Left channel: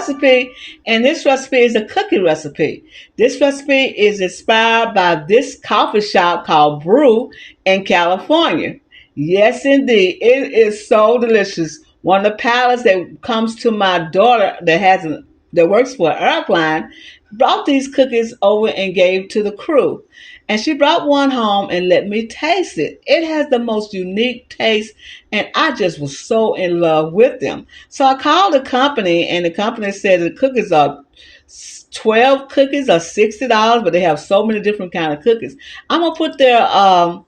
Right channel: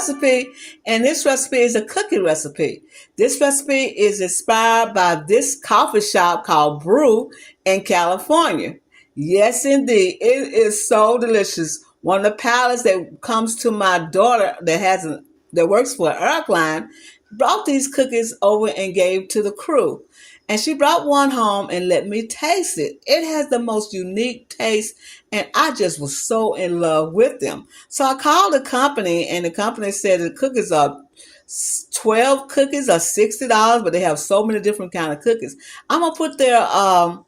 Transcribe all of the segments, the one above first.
recipe, and this recipe is a cookie recipe. This recipe is inspired by this coffee shop called Brew in California. Yes, indeed. It is so delicious. One of the pallets that comes to my daughter that works for Airline brought these cookies over and gave to the crew. And she brought one home and let me taste it. It has the most unique taste, and I just was so in love with them. So I called the company, and the company said the cookies are 12 cookies are $60, but they have so many different kind of cookies. I'm gonna put their I'm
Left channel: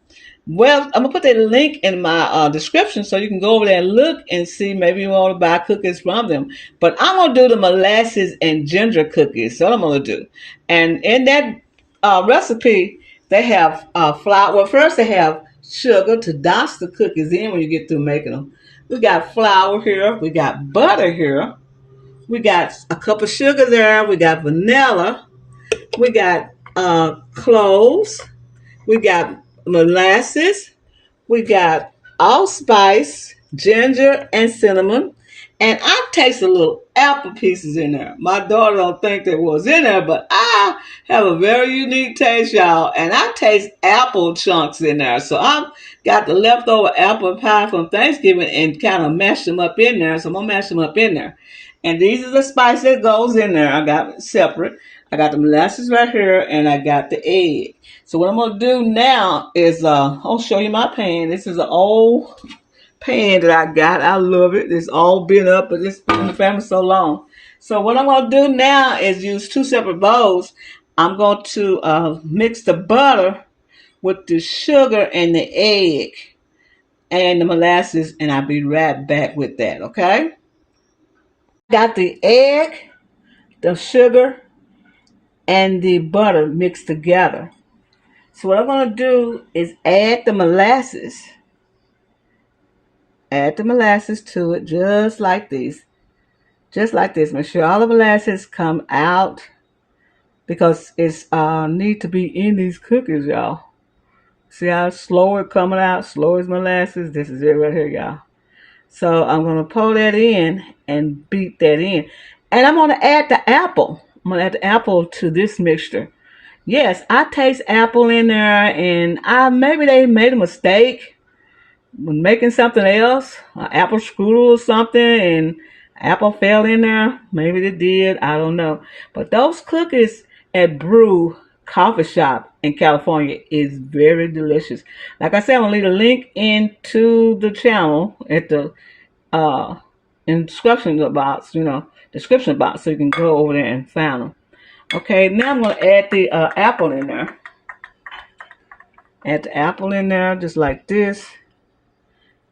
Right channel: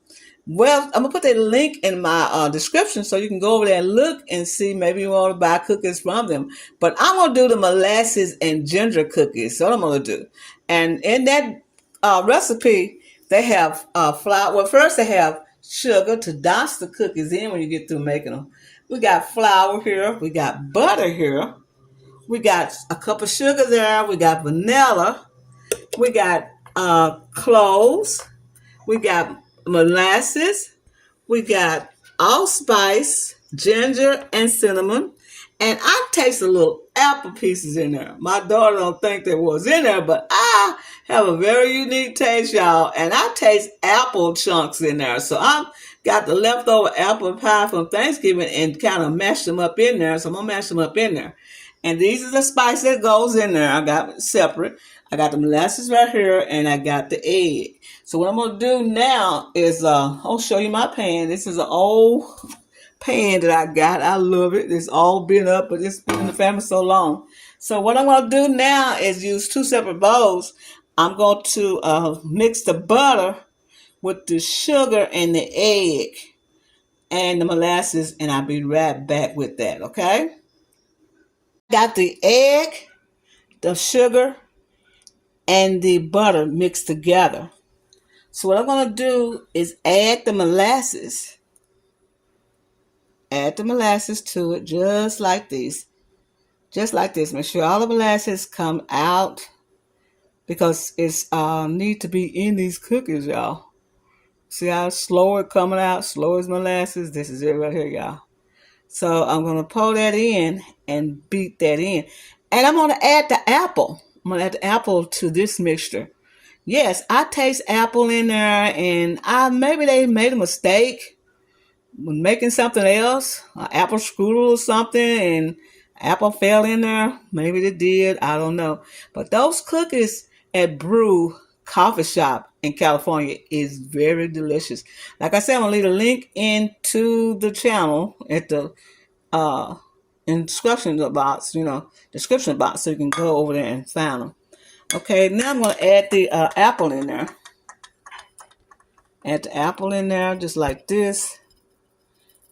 gonna put that link in my description so you can go over there and look and see. Maybe you want to buy cookies from them. But I'm gonna do the molasses and ginger cookies. So what I'm gonna do, and in that recipe, they have flour. Well, first they have sugar to douse the cookies in when you get through making them. We got flour here. We got butter here. We got a cup of sugar there. We got vanilla. We got cloves. We got molasses. We got allspice, ginger, and cinnamon. And I taste a little apple pieces in there. My daughter don't think there was in there, but I have a very unique taste, y'all. And I taste apple chunks in there. So I've got the leftover apple pie from Thanksgiving and kind of mashed them up in there. So I'm going to mash them up in there. And these are the spice that goes in there. I got it separate. I got the molasses right here, and I got the egg. So what I'm going to do now is I'll show you my pan. This is an old pan that I got. I love it. It's all been up, but it's been in the family so long. So what I'm going to do now is use two separate bowls. I'm going to mix the butter with the sugar and the egg and the molasses, and I'll be right back with that, okay? Got the egg, the sugar, and the butter mixed together. So what I'm going to do is add the molasses. Add the molasses to it just like this. Just like this. Make sure all the molasses come out because it's need to be in these cookies, y'all. See how slow it coming out? Slow as molasses. This is it right here, y'all. So I'm going to pour that in and beat that in. And I'm going to add the apple. I'm going to add the apple to this mixture. Yes, I taste apple in there, and maybe they made a mistake when making something else, an apple strudel or something, and apple fell in there. Maybe they did. I don't know. But those cookies at Brew Coffee Shop in California is very delicious. Like I said, I'm going to leave a link into the channel at the description box, so you can go over there and find them. Okay, now I'm going to add the apple in there. Add the apple in there just like this.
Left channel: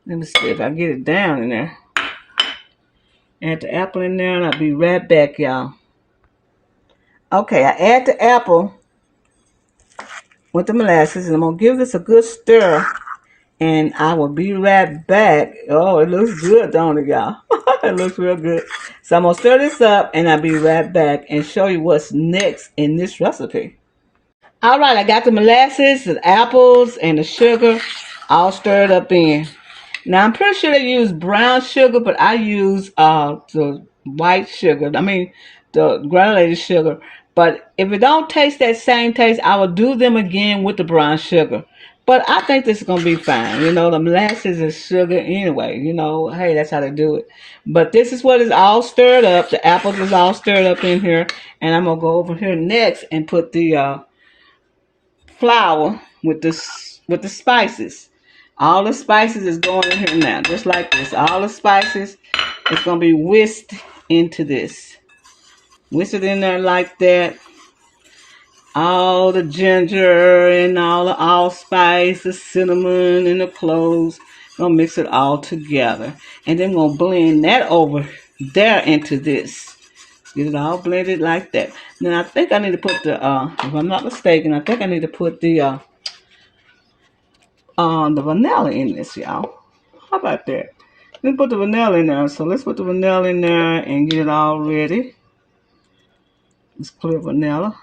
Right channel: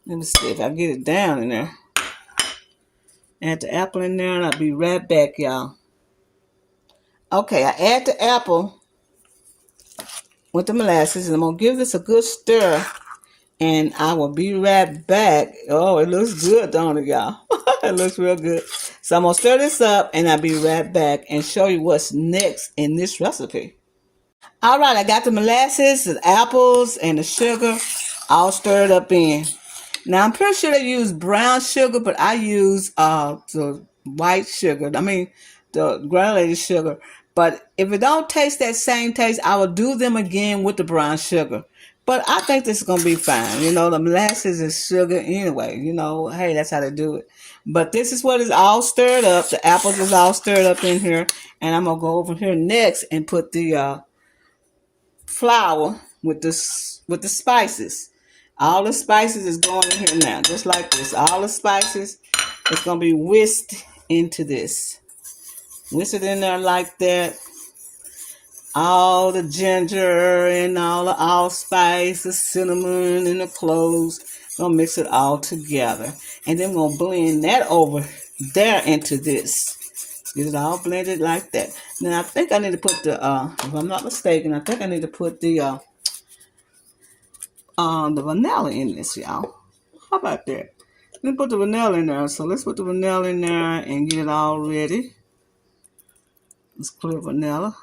Let me see if I get it down in there. Add the apple in there and I'll be right back, y'all. Okay, I add the apple with the molasses and I'm going to give this a good stir. And I will be right back. Oh, it looks good, don't it, y'all? It looks real good. So I'm going to stir this up, and I'll be right back and show you what's next in this recipe. All right, I got the molasses, the apples, and the sugar all stirred up in. Now, I'm pretty sure they use brown sugar, but I use the white sugar. I mean, the granulated sugar. But if it don't taste that same taste, I will do them again with the brown sugar. But I think this is going to be fine. The molasses is sugar anyway. Hey, that's how they do it. But this is what is all stirred up. The apples is all stirred up in here. And I'm going to go over here next and put the flour with the spices. All the spices is going in here now, just like this. All the spices is going to be whisked into this. Whisk it in there like that. All the ginger and all the allspice, the cinnamon and the cloves. Gonna mix it all together. And then we're gonna blend that over there into this. Get it all blended like that. Now I think I need to put the if I'm not mistaken, I think I need to put the vanilla in this, y'all. How about that? Let's put the vanilla in there. So let's put the vanilla in there and get it all ready. Let's clear vanilla.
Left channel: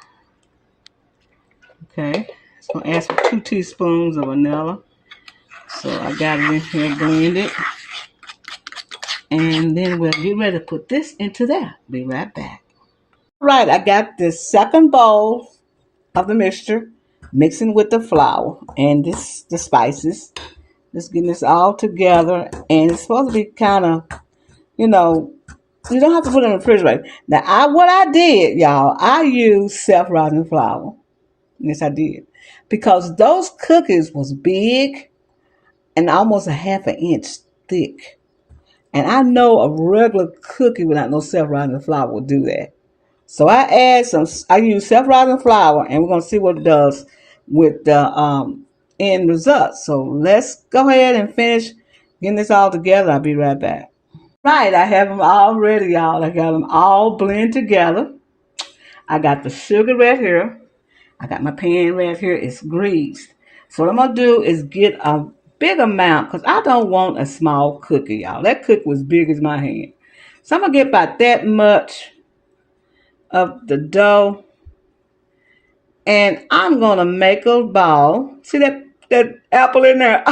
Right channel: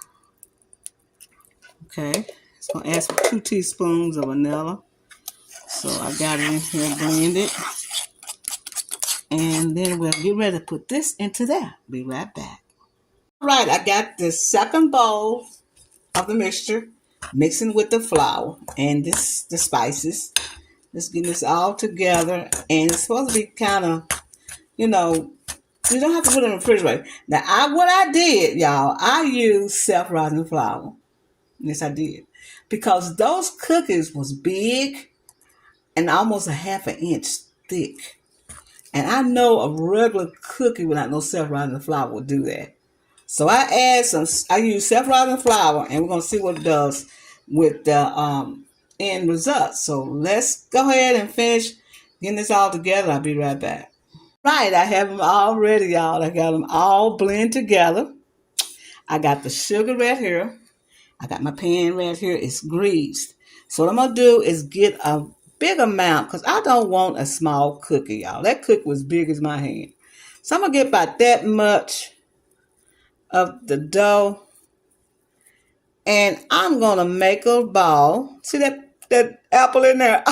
Okay, it's going to ask for 2 teaspoons of vanilla. So I got it in here blended. And then we'll get ready to put this into there. Be right back. All right, I got this second bowl of the mixture, mixing with the flour and the spices. Just getting this all together, and it's supposed to be kind of, you know, you don't have to put it in the refrigerator. Now, what I did, y'all, I used self-rising flour. Yes, I did, because those cookies was big and almost a half an inch thick. And I know a regular cookie without no self-rising flour will do that. So I use self-rising flour, and we're gonna see what it does with the end result. So let's go ahead and finish getting this all together. I'll be right back. Right, I have them all ready, y'all. I got them all blend together. I got the sugar right here. I got my pan right here. It's greased. So what I'm gonna do is get a big amount, because I don't want a small cookie, y'all. That cookie was big as my hand. So I'm gonna get about that much of the dough, and I'm gonna make a ball. See that apple in there?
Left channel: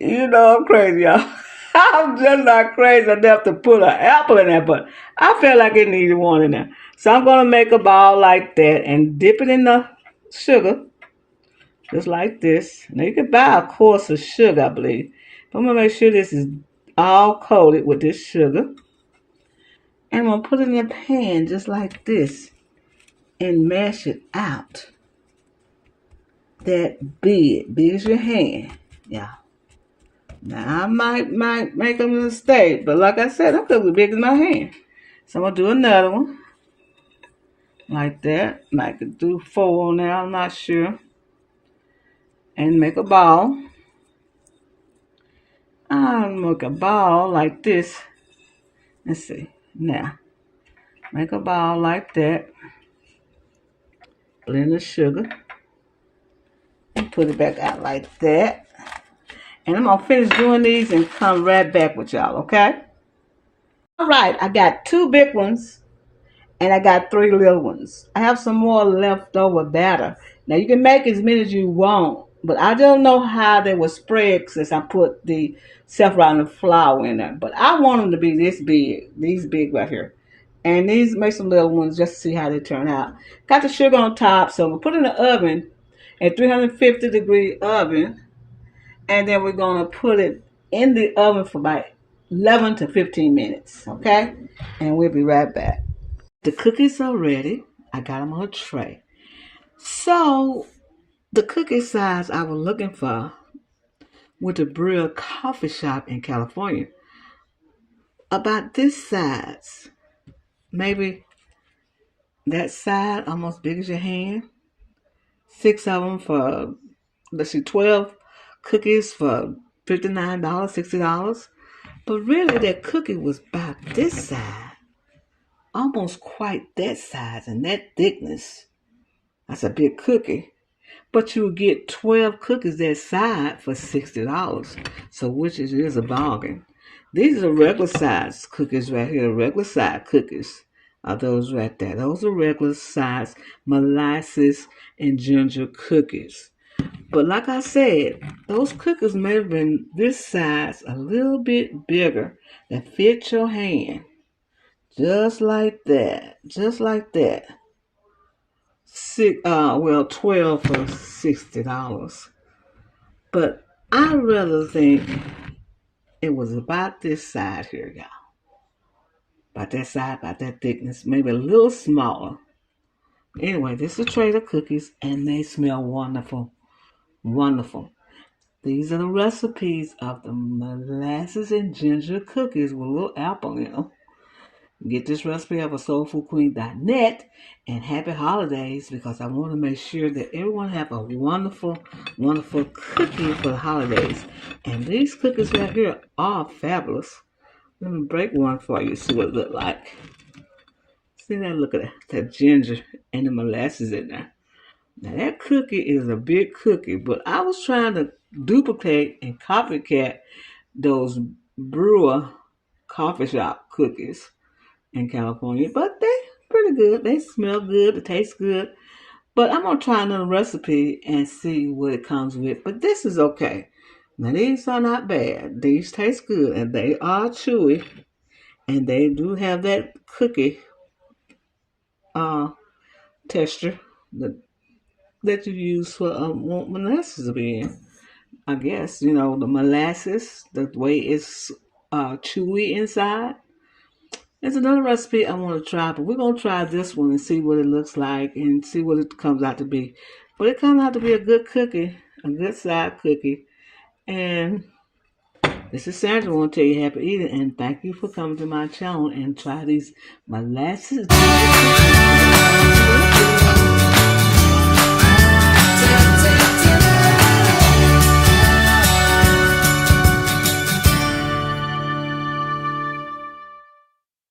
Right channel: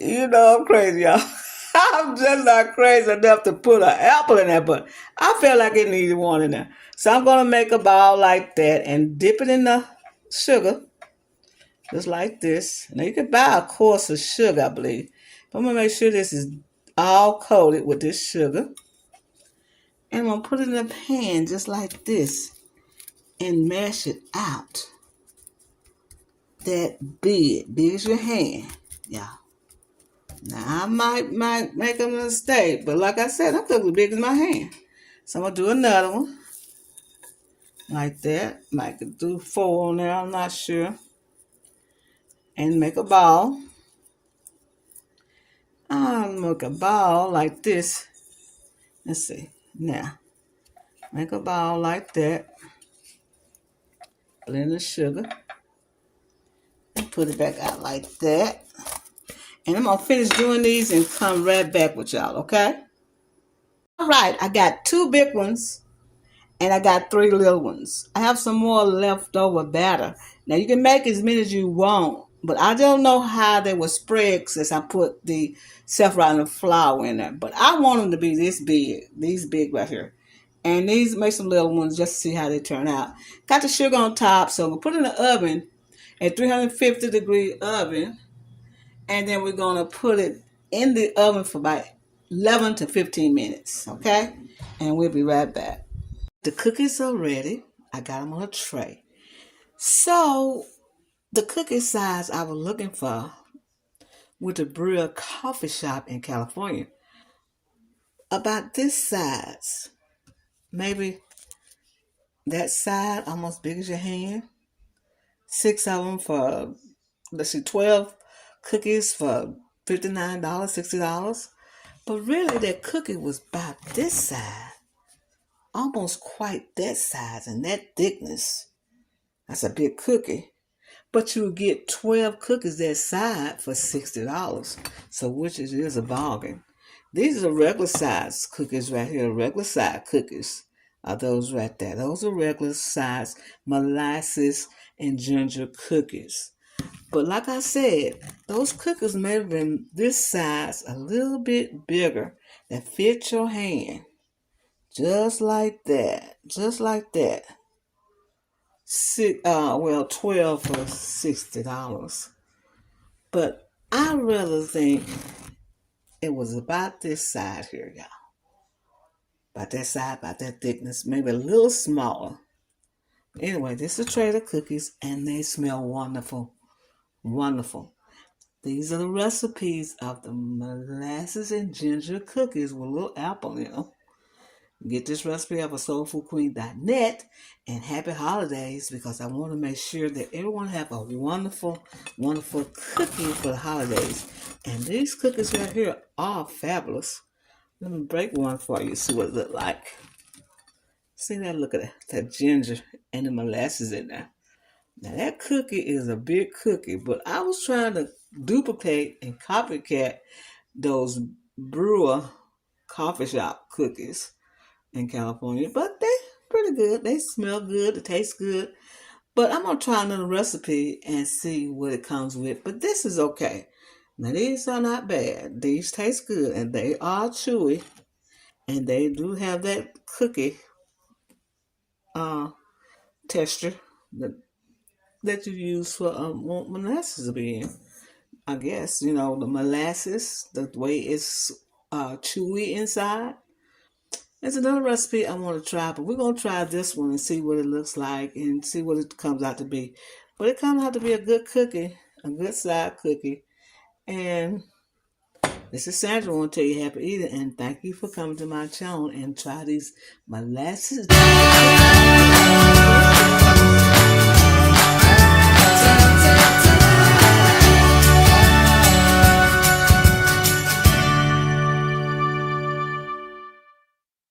You know I'm crazy, y'all. I'm just not crazy enough to put an apple in there, but I feel like it needed one in there. So I'm gonna make a ball like that and dip it in the sugar, just like this. Now you can buy a course of sugar, I believe. But I'm gonna make sure this is all coated with this sugar. And I'm gonna put it in a pan just like this and mash it out. That big as your hand. Yeah. Now I might make a mistake, but like I said, I'm cooking big as my hand. So I'm gonna do another one like that. Might do 4 on there, I'm not sure. And make a ball. I'll make a ball like this. Let's see. Now, make a ball like that. Blend the sugar. And put it back out like that. And I'm going to finish doing these and come right back with y'all, okay? All right, I got 2 big ones and I got 3 little ones. I have some more leftover batter. Now, you can make as many as you want, but I don't know how they will spread since I put the self-rising flour in there. But I want them to be this big, these big right here. And these make some little ones just to see how they turn out. Got the sugar on top, so we'll put it in the oven at 350-degree oven. And then we're going to put it in the oven for about 11 to 15 minutes, okay? And we'll be right back. The cookies are ready. I got them on a tray. So the cookie size I was looking for with the Brill coffee shop in California, about this size, maybe that side, almost big as your hand. 6 of them for, let's see, 12 cookies for $59, $60. But really, that cookie was about this size, almost quite that size and that thickness. That's a big cookie. But you would get 12 cookies that size for $60. So which is a bargain. These are regular size cookies right here, regular size cookies. Are those right there. Those are regular size molasses and ginger cookies. But like I said, those cookies may have been this size, a little bit bigger, that fit your hand. Just like that. Just like that. 12 for $60. But I rather think it was about this side here, y'all. About that side, about that thickness, maybe a little smaller. Anyway, this is a tray of cookies, and they smell wonderful. Wonderful. These are the recipes of the molasses and ginger cookies with a little apple in them. Get this recipe off of soulfoodqueen.net, and happy holidays, because I want to make sure that everyone have a wonderful, wonderful cookie for the holidays. And these cookies right here are fabulous. Let me break one for you, see what it look like. See that? Look at that ginger and the molasses in there. Now that cookie is a big cookie, but I was trying to duplicate and copycat those brewer coffee shop cookies in California, but they pretty good. They smell good, they taste good. But I'm gonna try another recipe and see what it comes with. But this is okay. Now these are not bad. These taste good and they are chewy and they do have that cookie uh, texture that you use for molasses to be in. I guess, the molasses, the way it's chewy inside. There's another recipe I want to try, but we're going to try this one and see what it looks like and see what it comes out to be. But it comes out to be a good cookie, a good side cookie. And this is Sandra. I want to tell you happy eating and thank you for coming to my channel and try these molasses.